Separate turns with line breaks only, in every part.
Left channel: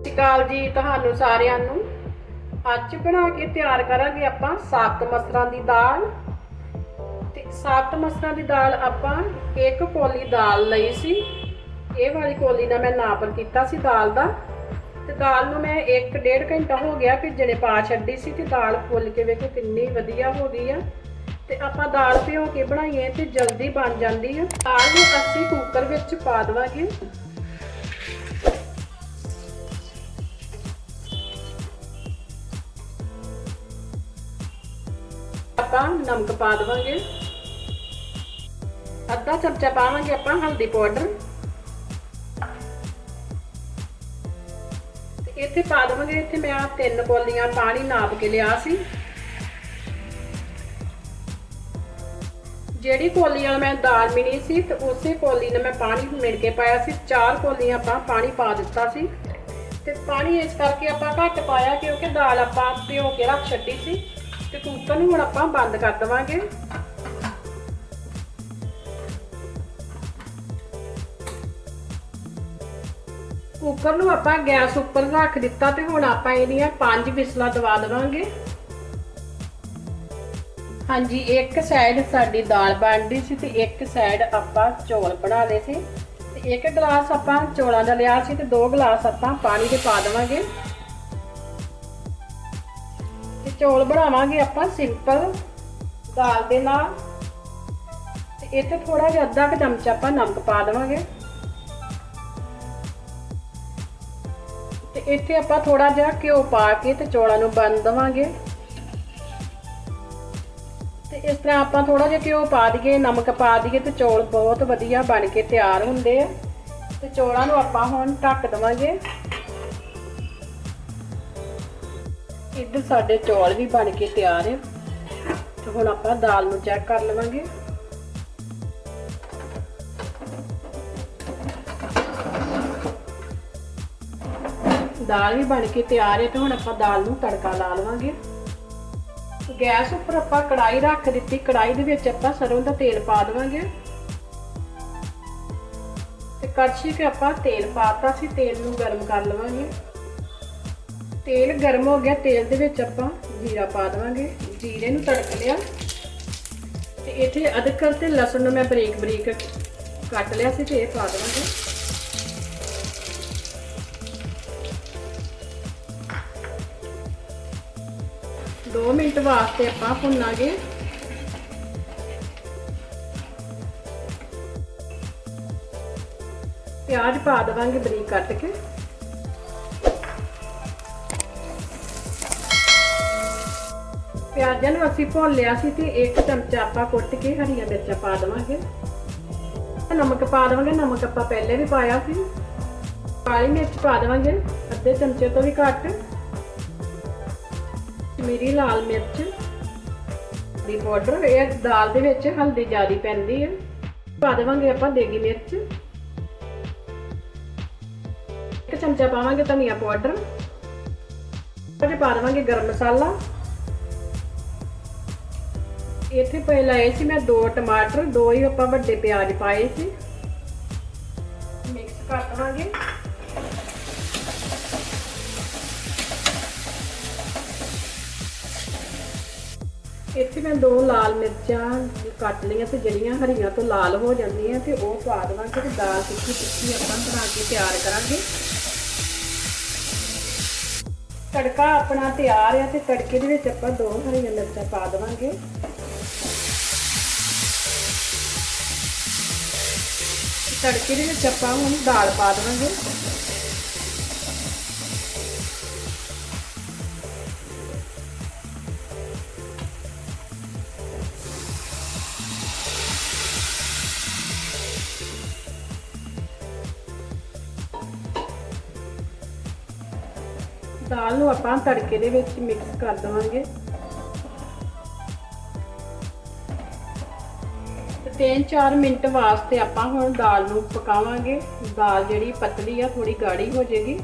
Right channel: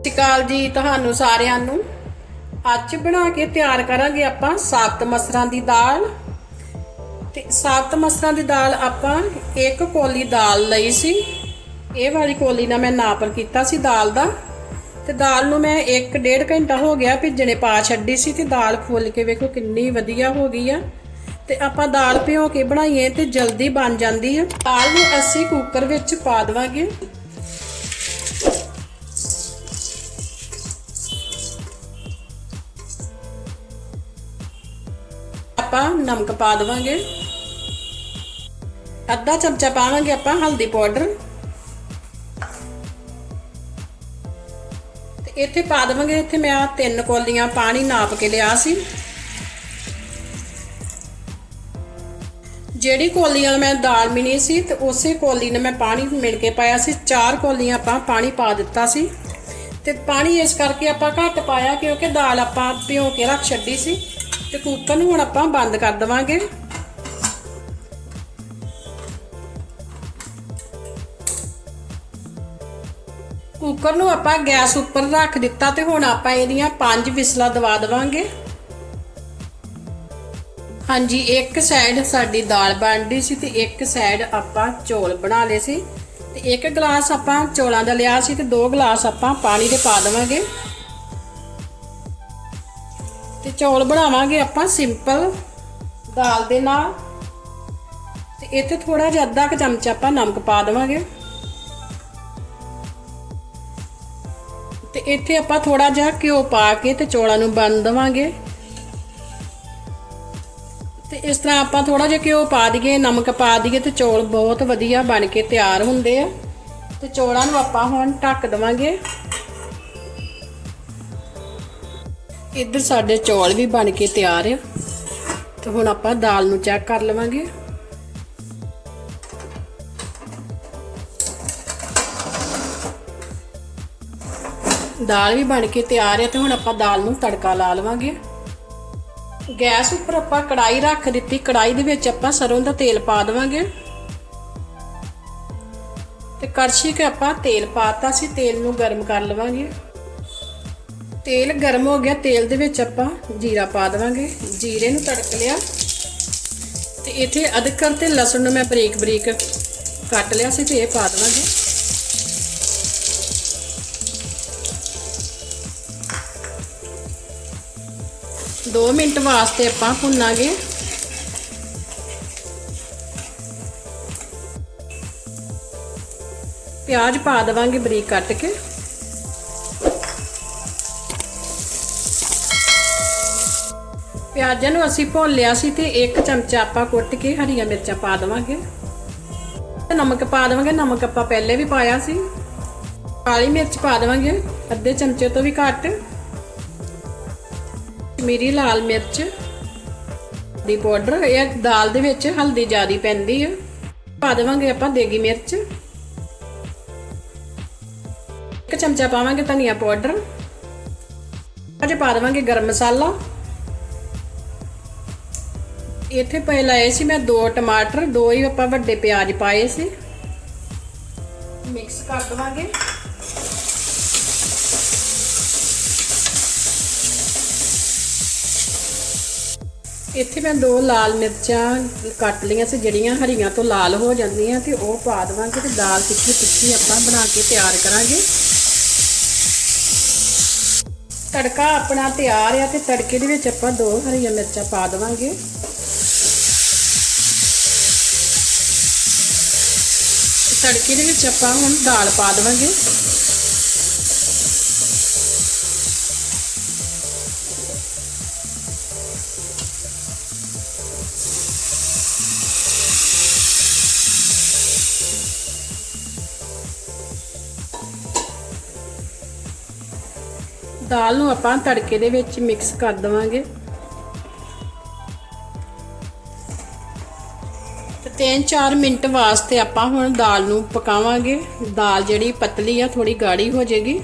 ਸਤਿ ਸ਼੍ਰੀ ਅਕਾਲ ਜੀ ਤੁਹਾਨੂੰ ਸਾਰਿਆਂ ਨੂੰ। ਅੱਜ ਬਣਾ ਕੇ ਤਿਆਰ ਕਰਾਂਗੇ ਆਪਾਂ ਸਾਬਤ ਮਸਰਾਂ ਦੀ ਦਾਲ। ਤੇ ਸਾਬਤ ਮਸਰਾਂ ਦੀ ਦਾਲ ਆਪਾਂ ਇੱਕ ਕੋਲੀ ਦਾਲ ਲਈ ਸੀ। ਇਹ ਵਾਲੀ ਕੋਲੀ ਨਾਲ ਮੈਂ ਨਾਪਰ ਕੀਤਾ ਸੀ ਦਾਲ ਦਾ। ਤੇ ਦਾਲ ਨੂੰ ਮੈਂ 1.5 ਘੰਟਾ ਹੋ ਗਿਆ ਭਿੱਜਣੇ ਪਾ ਛੱਡੀ ਸੀ ਤੇ ਦਾਲ ਫੁੱਲ ਕੇ ਵੇਖੋ ਕਿੰਨੀ ਵਧੀਆ ਹੋ ਗਈ ਆ। ਤੇ ਆਪਾਂ ਦਾਲ ਭਿਓ ਕੇ ਬਣਾਈਏ ਤੇ ਜਲਦੀ ਬਣ ਜਾਂਦੀ ਆ। ਦਾਲ ਨੂੰ ਅਸੀਂ ਕੁੱਕਰ ਵਿੱਚ ਪਾ ਦੇਵਾਂਗੇ। ਆਪਾਂ ਨਮਕ ਪਾ ਦੇਵਾਂਗੇ। ਅੱਧਾ ਚਮਚਾ ਪਾਵਾਂਗੇ ਆਪਾਂ ਹਲਦੀ ਪਾਊਡਰ। ਤੇ ਇੱਥੇ ਪਾ ਦੇਵਾਂਗੇ, ਇੱਥੇ ਮੈਂ ਤਿੰਨ ਕੋਲੀਆਂ ਪਾਣੀ ਨਾਪ ਕੇ ਲਿਆ ਸੀ। ਜਿਹੜੀ ਕੋਲੀਆਂ ਮੈਂ ਦਾਲ ਮਿਣੀ ਸੀ ਤੇ ਉਸੇ ਕੋਲੀ ਨੇ ਮੈਂ ਪਾਣੀ ਮਿਣ ਕੇ ਪਾਇਆ ਸੀ। ਚਾਰ ਕੋਲੀਆਂ ਆਪਾਂ ਪਾਣੀ ਪਾ ਦਿੱਤਾ ਸੀ। ਤੇ ਪਾਣੀ ਇਸ ਕਰਕੇ ਆਪਾਂ ਘੱਟ ਪਾਇਆ ਕਿਉਂਕਿ ਦਾਲ ਆਪਾਂ ਭਿਓ ਕੇ ਰੱਖ ਛੱਡੀ ਸੀ। ਤੇ ਕੁੱਕਰ ਨੂੰ ਹੁਣ ਆਪਾਂ ਬੰਦ ਕਰ ਦਵਾਂਗੇ। ਕੁੱਕਰ ਨੂੰ ਆਪਾਂ ਗੈਸ ਉੱਪਰ ਰੱਖ ਦਿੱਤਾ ਤੇ ਹੁਣ ਆਪਾਂ ਇਹਦੀਆਂ ਪੰਜ ਵਿਸਲਾਂ ਦਵਾ ਦਵਾਂਗੇ। ਹਾਂਜੀ, ਇੱਕ ਸਾਈਡ ਸਾਡੀ ਦਾਲ ਬਣਦੀ ਸੀ ਤੇ ਇੱਕ ਸਾਈਡ ਆਪਾਂ ਚੌਲ ਬਣਾ ਲਏ ਸੀ। ਤੇ ਇੱਕ ਗਲਾਸ ਆਪਾਂ ਚੌਲਾਂ ਦਾ ਲਿਆ ਸੀ ਤੇ ਦੋ ਗਲਾਸ ਆਪਾਂ ਪਾਣੀ ਦੇ ਪਾ ਦੇਵਾਂਗੇ। ਤੇ ਚੌਲ ਬਣਾਵਾਂਗੇ ਆਪਾਂ ਸਿੰਪਲ ਦਾਲ ਦੇ ਨਾਲ। ਤੇ ਇੱਥੇ ਥੋੜਾ ਜਿਹਾ ਅੱਧਾ ਕੁ ਚਮਚ ਆਪਾਂ ਨਮਕ ਪਾ ਦੇਵਾਂਗੇ। ਤੇ ਇੱਥੇ ਆਪਾਂ ਥੋੜਾ ਜਿਹਾ ਘਿਓ ਪਾ ਕੇ ਤੇ ਚੌਲਾਂ ਨੂੰ ਬੰਨ ਦੇਵਾਂਗੇ। ਤੇ ਇਸ ਤਰ੍ਹਾਂ ਆਪਾਂ ਥੋੜਾ ਜਿਹਾ ਘਿਓ ਪਾ ਦਈਏ, ਨਮਕ ਪਾ ਦਈਏ ਤੇ ਚੌਲ ਬਹੁਤ ਵਧੀਆ ਬਣ ਕੇ ਤਿਆਰ ਹੁੰਦੇ ਆ। ਤੇ ਚੌਲਾਂ ਨੂੰ ਆਪਾਂ ਹੁਣ ਢੱਕ ਦੇਵਾਂਗੇ। ਇੱਧਰ ਸਾਡੇ ਚੌਲ ਵੀ ਬਣ ਕੇ ਤਿਆਰ ਆ। ਤੇ ਹੁਣ ਆਪਾਂ ਦਾਲ ਨੂੰ ਚੈੱਕ ਕਰ ਲਵਾਂਗੇ। ਦਾਲ ਵੀ ਬਣ ਕੇ ਤਿਆਰ ਹੈ ਤੇ ਹੁਣ ਆਪਾਂ ਦਾਲ ਨੂੰ ਤੜਕਾ ਲਾ ਲਵਾਂਗੇ। ਗੈਸ ਉੱਪਰ ਆਪਾਂ ਕੜਾਈ ਰੱਖ ਦਿੱਤੀ। ਕੜਾਈ ਦੇ ਵਿੱਚ ਆਪਾਂ ਸਰੋਂ ਦਾ ਤੇਲ ਪਾ ਦੇਵਾਂਗੇ। ਤੇ ਕੜਛੀ ਕੇ ਆਪਾਂ ਤੇਲ ਪਾਤਾ ਸੀ। ਤੇਲ ਨੂੰ ਗਰਮ ਕਰ ਲਵਾਂਗੇ। ਤੇਲ ਗਰਮ ਹੋ ਗਿਆ ਤੇਲ ਦੇ ਵਿੱਚ ਆਪਾਂ ਜੀਰਾ ਪਾ ਦੇਵਾਂਗੇ। ਜੀਰੇ ਨੂੰ ਤੜਕ ਲਿਆ। ਤੇ ਇੱਥੇ ਅਦਰਕ ਤੇ ਲਸਣ ਨੂੰ ਮੈਂ ਬਰੀਕ ਬਰੀਕ ਕੱਟ ਲਿਆ ਸੀ ਤੇ ਇਹ ਪਾ ਦੇਵਾਂਗੇ। ਦੋ ਮਿੰਟ ਵਾਸਤੇ ਆਪਾਂ ਭੁੰਨਾਂਗੇ। ਪਿਆਜ਼ ਪਾ ਦੇਵਾਂਗੇ ਬਰੀਕ ਕੱਟ ਕੇ। ਪਿਆਜ਼ਾਂ ਨੂੰ ਅਸੀਂ ਭੁੰਨ ਲਿਆ ਸੀ ਤੇ ਇੱਕ ਚਮਚਾ ਆਪਾਂ ਕੁੱਟ ਕੇ ਹਰੀਆਂ ਮਿਰਚਾਂ ਪਾ ਦੇਵਾਂਗੇ। ਨਮਕ ਪਾ ਦੇਵਾਂਗੇ। ਨਮਕ ਆਪਾਂ ਪਹਿਲੇ ਵੀ ਪਾਇਆ ਸੀ। ਕਾਲੀ ਮਿਰਚ ਪਾ ਦੇਵਾਂਗੇ। ਅੱਧੇ ਚਮਚੇ ਤੋਂ ਵੀ ਘੱਟ। ਮੇਰੀ ਲਾਲ ਮਿਰਚ ਦੀ ਪਾਊਡਰ, ਇਹ ਦਾਲ ਦੇ ਵਿੱਚ ਹਲਦੀ ਜ਼ਿਆਦੀ ਪੈਂਦੀ ਹੈ ਪਾ ਦੇਵਾਂਗੇ ਆਪਾਂ ਦੇਗੀ ਮਿਰਚ। ਇੱਕ ਚਮਚਾ ਪਾਵਾਂਗੇ ਧਨੀਆ ਪਾਊਡਰ। ਅਜੇ ਪਾ ਦੇਵਾਂਗੇ ਗਰਮ ਮਸਾਲਾ। ਇੱਥੇ ਪਏ ਲਾਏ ਸੀ ਮੈਂ ਦੋ ਟਮਾਟਰ, ਦੋ ਹੀ ਆਪਾਂ ਵੱਡੇ ਪਿਆਜ਼ ਪਾਏ ਸੀ। ਮਿਕਸ ਕਰ ਦਵਾਂਗੇ। ਇੱਥੇ ਮੈਂ ਦੋ ਲਾਲ ਮਿਰਚਾਂ ਕੱਟ ਲਈਆਂ ਸੀ, ਜਿਹੜੀਆਂ ਹਰੀਆਂ ਤੋਂ ਲਾਲ ਹੋ ਜਾਂਦੀਆਂ ਤੇ ਉਹ ਪਾ ਦਵਾਂਗੇ ਤੇ ਦਾਲ ਤਿੱਖੀ ਤਿੱਖੀ ਆਪਾਂ ਬਣਾ ਕੇ ਤਿਆਰ ਕਰਾਂਗੇ। ਤੜਕਾ ਆਪਣਾ ਤਿਆਰ ਆ ਤੇ ਤੜਕੇ ਦੇ ਵਿੱਚ ਆਪਾਂ ਦੋ ਹਰੀਆਂ ਮਿਰਚਾਂ ਪਾ ਦਵਾਂਗੇ। ਤੜਕੇ ਦੇ ਵਿੱਚ ਆਪਾਂ ਹੁਣ ਦਾਲ ਪਾ ਦਵਾਂਗੇ। ਦਾਲ ਨੂੰ ਆਪਾਂ ਤੜਕੇ ਦੇ ਵਿੱਚ ਮਿਕਸ ਕਰ ਦਵਾਂਗੇ। 3-4 ਮਿੰਟ ਵਾਸਤੇ ਆਪਾਂ ਹੁਣ ਦਾਲ ਨੂੰ ਪਕਾਵਾਂਗੇ। ਦਾਲ ਜਿਹੜੀ ਪਤਲੀ ਆ ਥੋੜੀ ਗਾੜੀ ਹੋ ਜਾਏਗੀ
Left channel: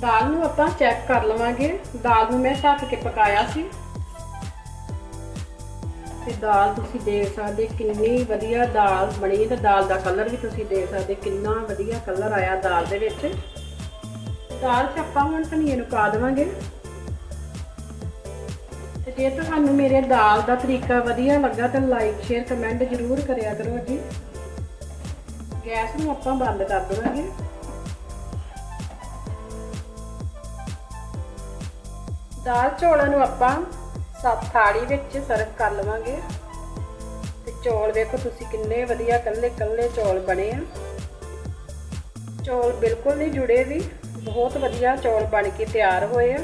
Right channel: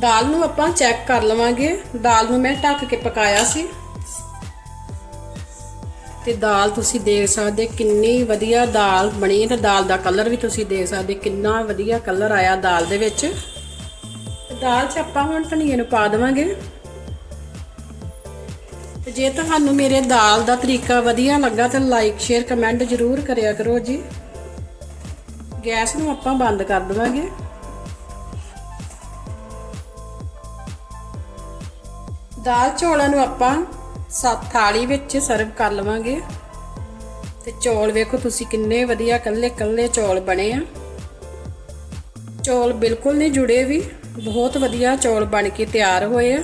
ਦਾਲ ਨੂੰ ਆਪਾਂ ਚੈੱਕ ਕਰ ਲਵਾਂਗੇ। ਦਾਲ ਨੂੰ ਮੈਂ ਢੱਕ ਕੇ ਪਕਾਇਆ ਸੀ। ਤੇ ਦਾਲ ਤੁਸੀਂ ਦੇਖ ਸਕਦੇ ਕਿੰਨੀ ਵਧੀਆ ਦਾਲ ਬਣੀ ਹੈ ਤੇ ਦਾਲ ਦਾ ਕਲਰ ਵੀ ਤੁਸੀਂ ਦੇਖ ਸਕਦੇ ਕਿੰਨਾ ਵਧੀਆ ਕਲਰ ਆਇਆ ਦਾਲ ਦੇ ਵਿੱਚ। ਦਾਲ 'ਚ ਆਪਾਂ ਹੁਣ ਧਨੀਏ ਨੂੰ ਪਾ ਦੇਵਾਂਗੇ। ਤੇ ਜੇ ਤੁਹਾਨੂੰ ਮੇਰੇ ਦਾਲ ਦਾ ਤਰੀਕਾ ਵਧੀਆ ਲੱਗਾ ਤਾਂ ਲਾਈਕ ਸ਼ੇਅਰ ਕਮੈਂਟ ਜ਼ਰੂਰ ਕਰਿਆ ਕਰੋ ਜੀ। ਗੈਸ ਨੂੰ ਆਪਾਂ ਬੰਦ ਕਰ ਦੇਵਾਂਗੇ। ਦਾਲ ਚੌਲਾਂ ਨੂੰ ਆਪਾਂ ਸੱਤ ਥਾਲੀ ਵਿੱਚ ਸਰਵ ਕਰ ਲਵਾਂਗੇ। ਤੇ ਚੌਲ ਵੇਖੋ ਤੁਸੀਂ ਕਿੰਨੇ ਵਧੀਆ ਕੱਲੇ ਕੱਲੇ ਚੌਲ ਬਣੇ ਆ। ਚੌਲ ਬਿਲਕੁਲ ਨਹੀਂ ਜੁੜੇ ਵੀ। ਬਹੁਤ ਵਧੀਆ ਚੌਲ ਬਣ ਕੇ ਤਿਆਰ ਹੋਏ ਆ।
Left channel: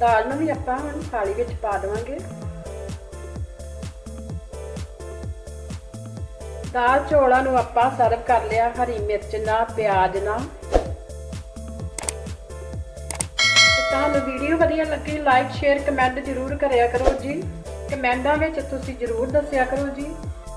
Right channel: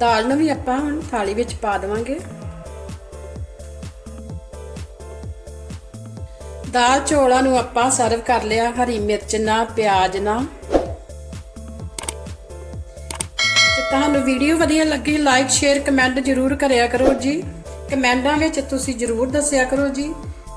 ਦਾਲ ਨੂੰ ਵੀ ਆਪਾਂ ਹੁਣ ਥਾਲੀ ਵਿੱਚ ਪਾ ਦੇਵਾਂਗੇ। ਦਾਲ ਚੌਲਾਂ ਨੂੰ ਆਪਾਂ ਸਰਵ ਕਰ ਲਿਆ, ਹਰੀ ਮਿਰਚ ਨਾਲ ਪਿਆਜ਼ ਨਾਲ ਤੁਹਾਨੂੰ ਵੀਡੀਓ ਵਧੀਆ ਲੱਗੀ ਲਾਈਕ ਸ਼ੇਅਰ ਕਮੈਂਟ ਜ਼ਰੂਰ ਕਰਿਆ ਕਰੋ ਜੀ। ਕਮੈਂਟਾਂ ਵਿੱਚ ਤੁਸੀਂ ਜ਼ਰੂਰ ਦੱਸਿਆ ਕਰੋ ਜੀ।